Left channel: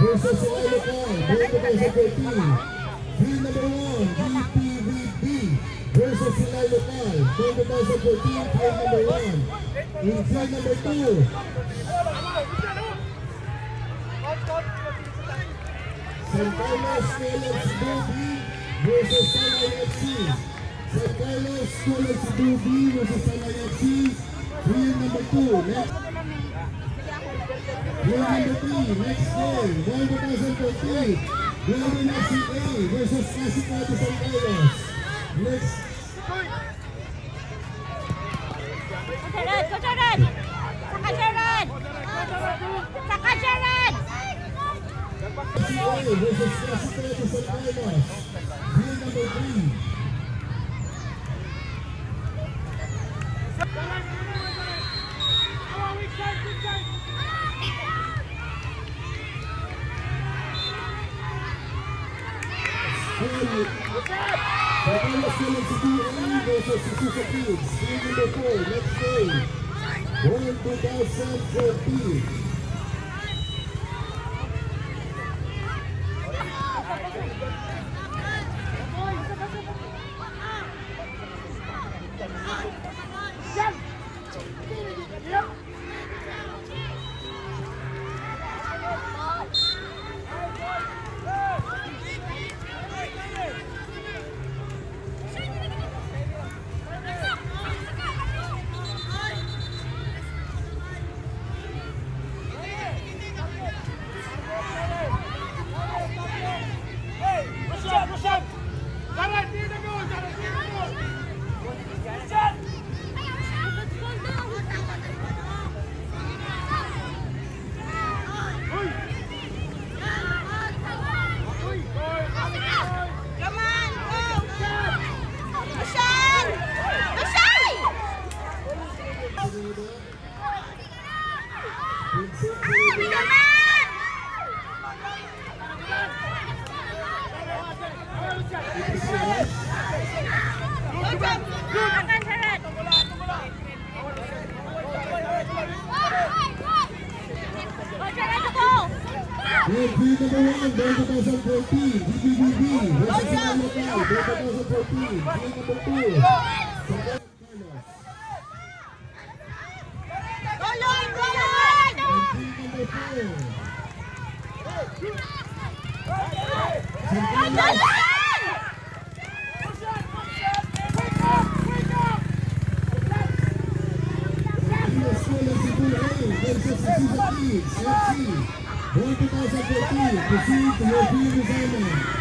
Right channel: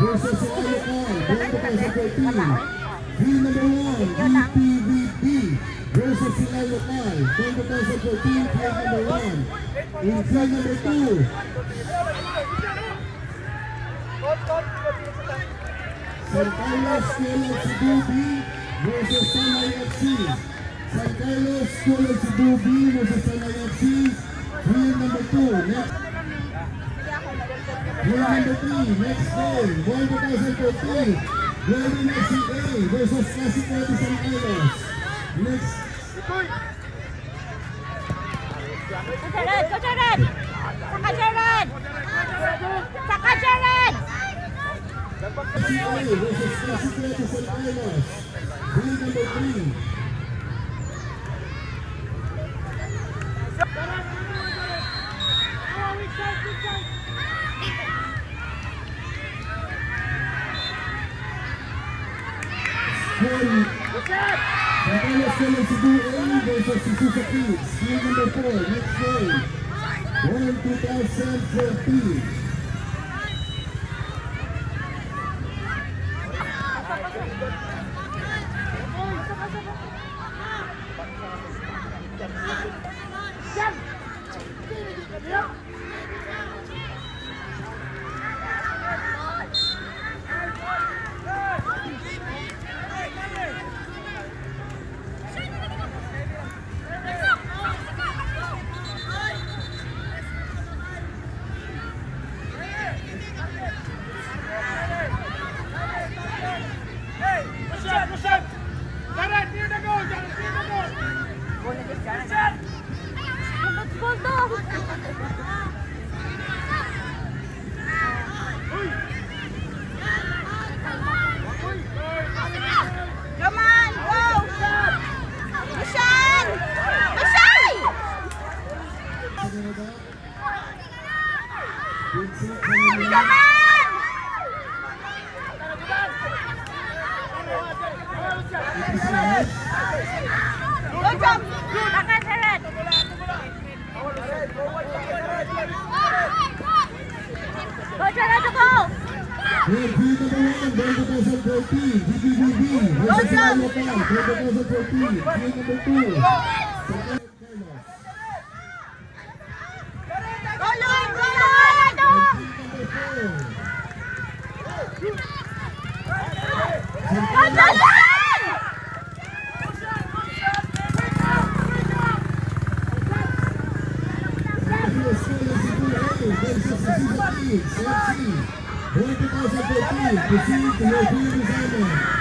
versus Ilocos, 2014. Team number 1, GPVP versus Ilocos, 2014, team number 1. In team number 2, San Carlos School of Cebu versus Sanay FC. San Carlos School of Cebu versus Sanay FC. Team number 2. Next. Team number 3. Next game. 2014. Golden FCA versus Casitleti San Carlos. Next. FCA versus Casitleti San Carlos. Team number 3. Batangas School of Cebu A versus Suzuka Kids. Team number 4. Next game. Going 2014. Proceed to your field assignment.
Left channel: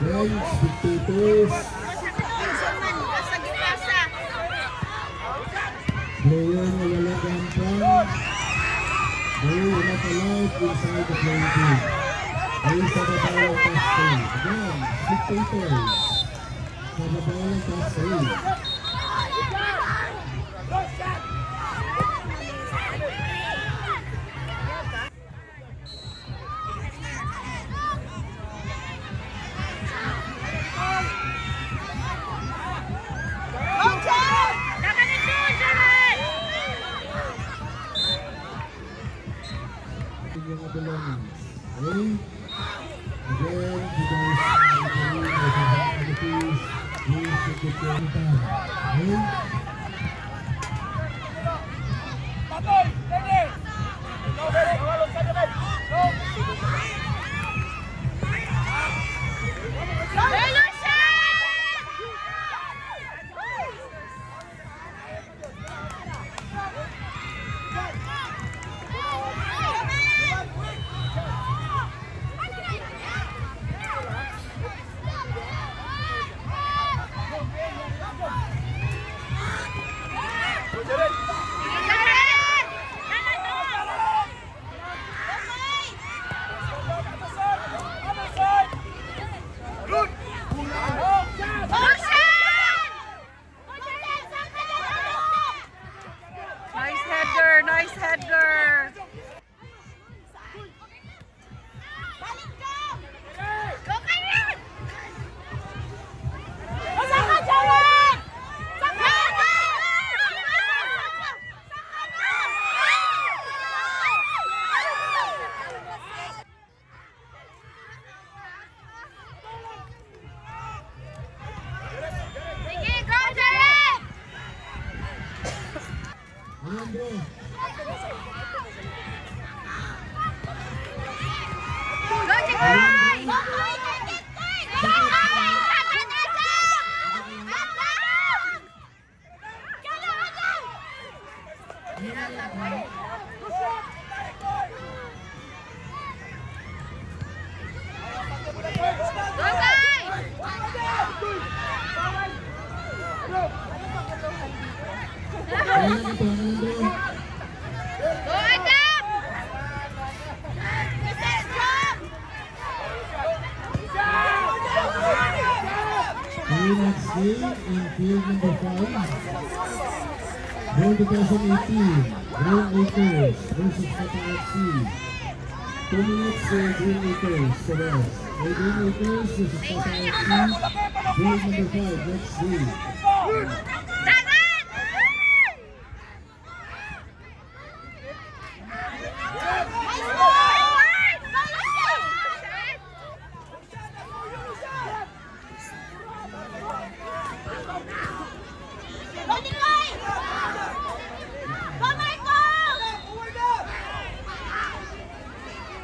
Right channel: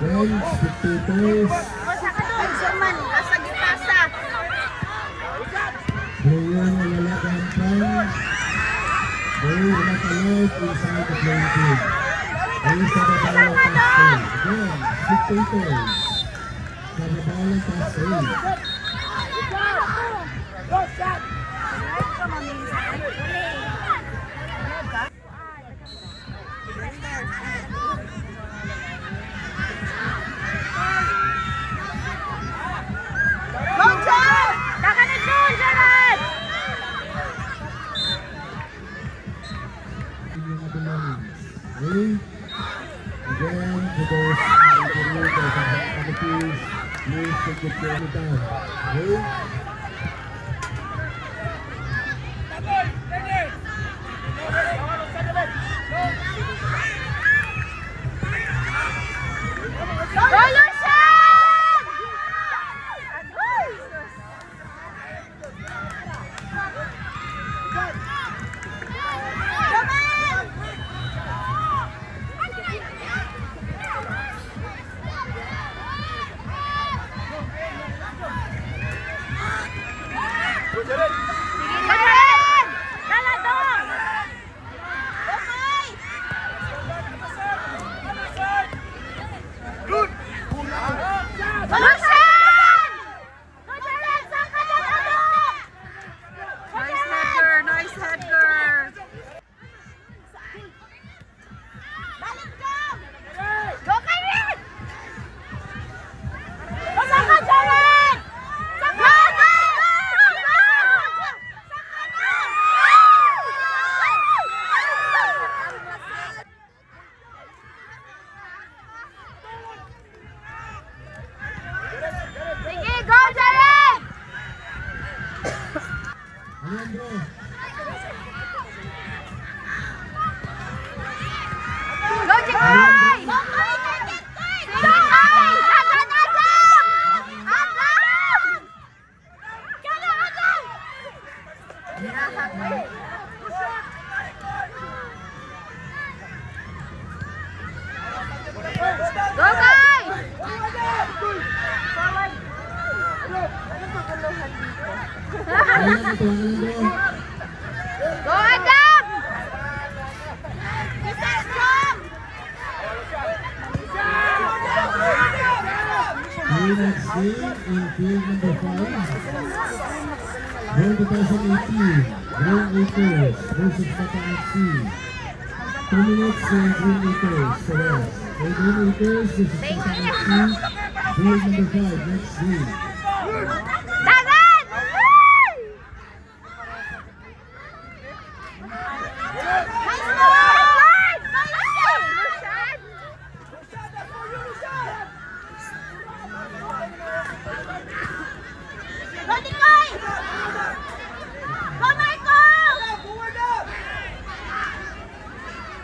Then, spectators. Player wala gampang. Player not allowed inside the playing field. Ayun sa kabalang castle. Again, spectators. Sa kabalang castle. Ready? Again, to those na ito, Alejandro. Go, Adam! 3 next game in field number 5. Goal 2018, Green Acres versus Mata FC. 2 minutes Green Acres to rest. Green Acres versus Mata FC. Field number 5 next game. Dagan!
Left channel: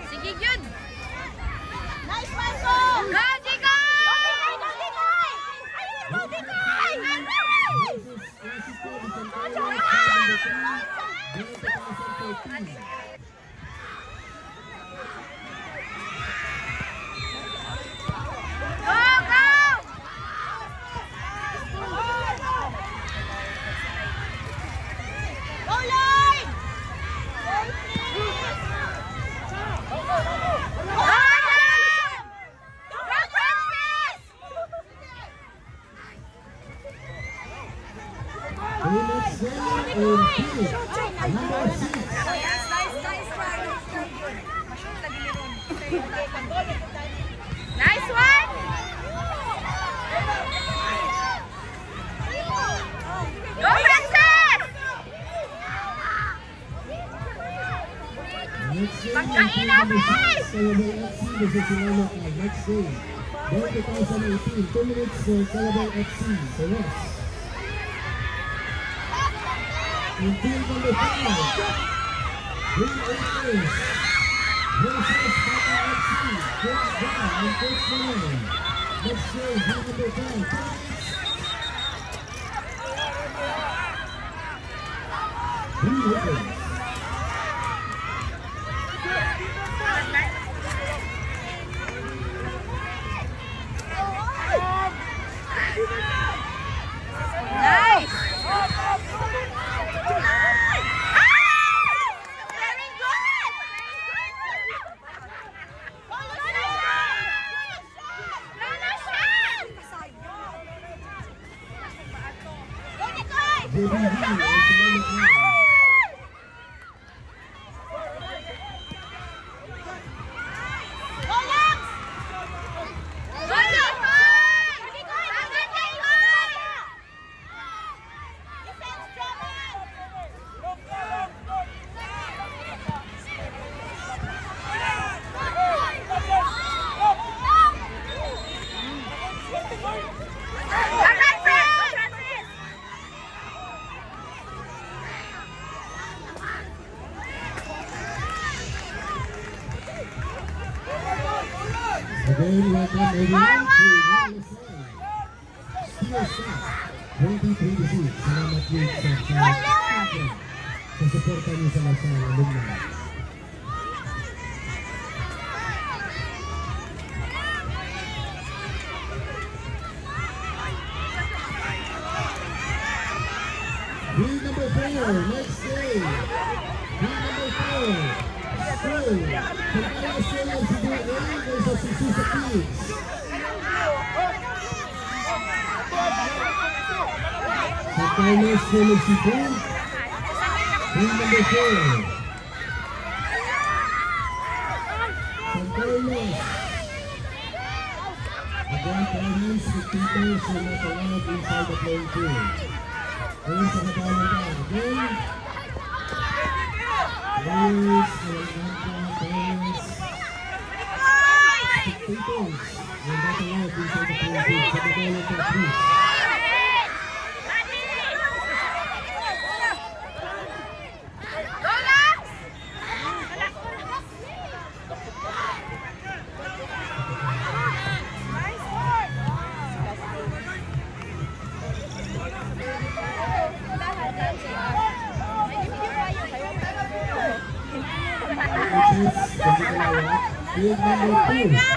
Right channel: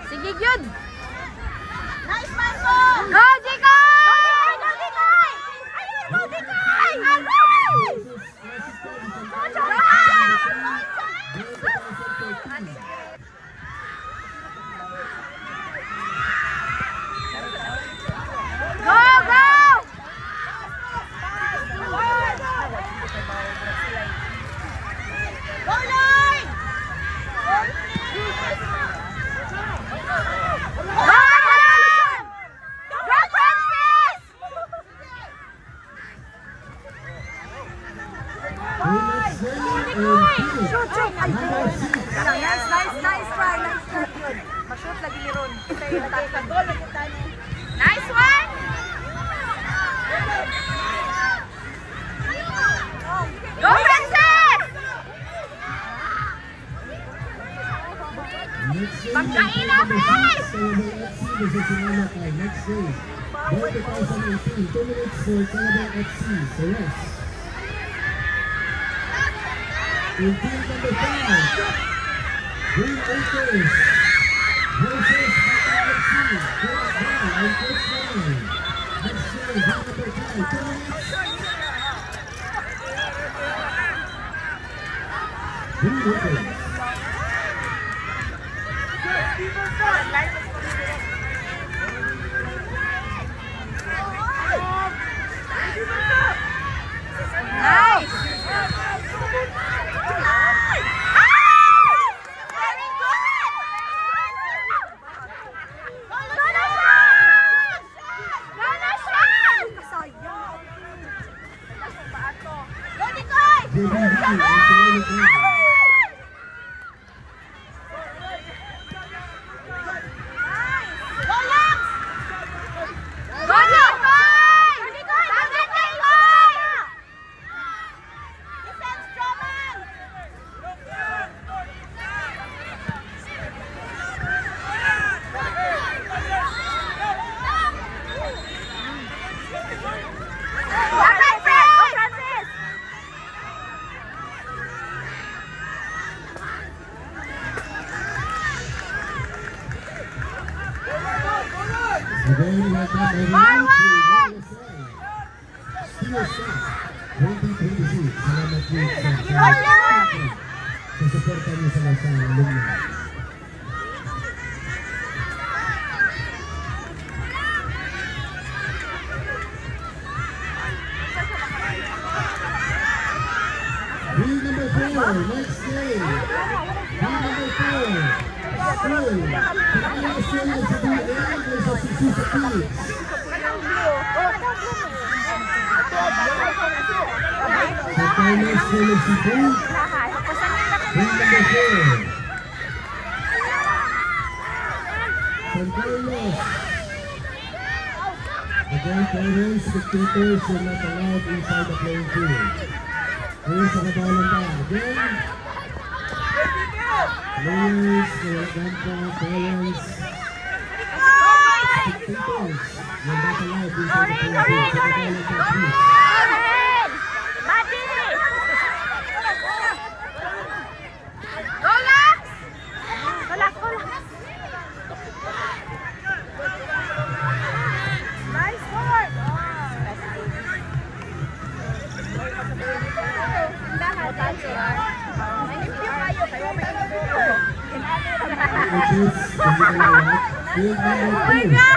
Sige, good! Go, Jikoy! Go, go! Nice one! Go, Francis! Pagkain na, please! Next game. Goal 2018, 2 minutes Calabar FC. Yes. In field number 5, Green Acres versus Mata FC. First down and first down. Next game, field number 5, 2 minutes. Green Acres. Nice! Again, welcome everyone to Steel Shop 2026. Salamat din sa suporta niyo sa mga alumni. Field number 4, next day. Field number 4, School. Pagkaya sila sa buwan versus sa Kids. Pagkaya sila sa buwan. Field number 4. Pagkaya. Pagkaya parents, spectators, sa mga tawag inside the playing field. Ayun sa kagalan na. Again. Players, parents, spectators. Nandito live inside the playing field. Sa kagalan na. Field number 2.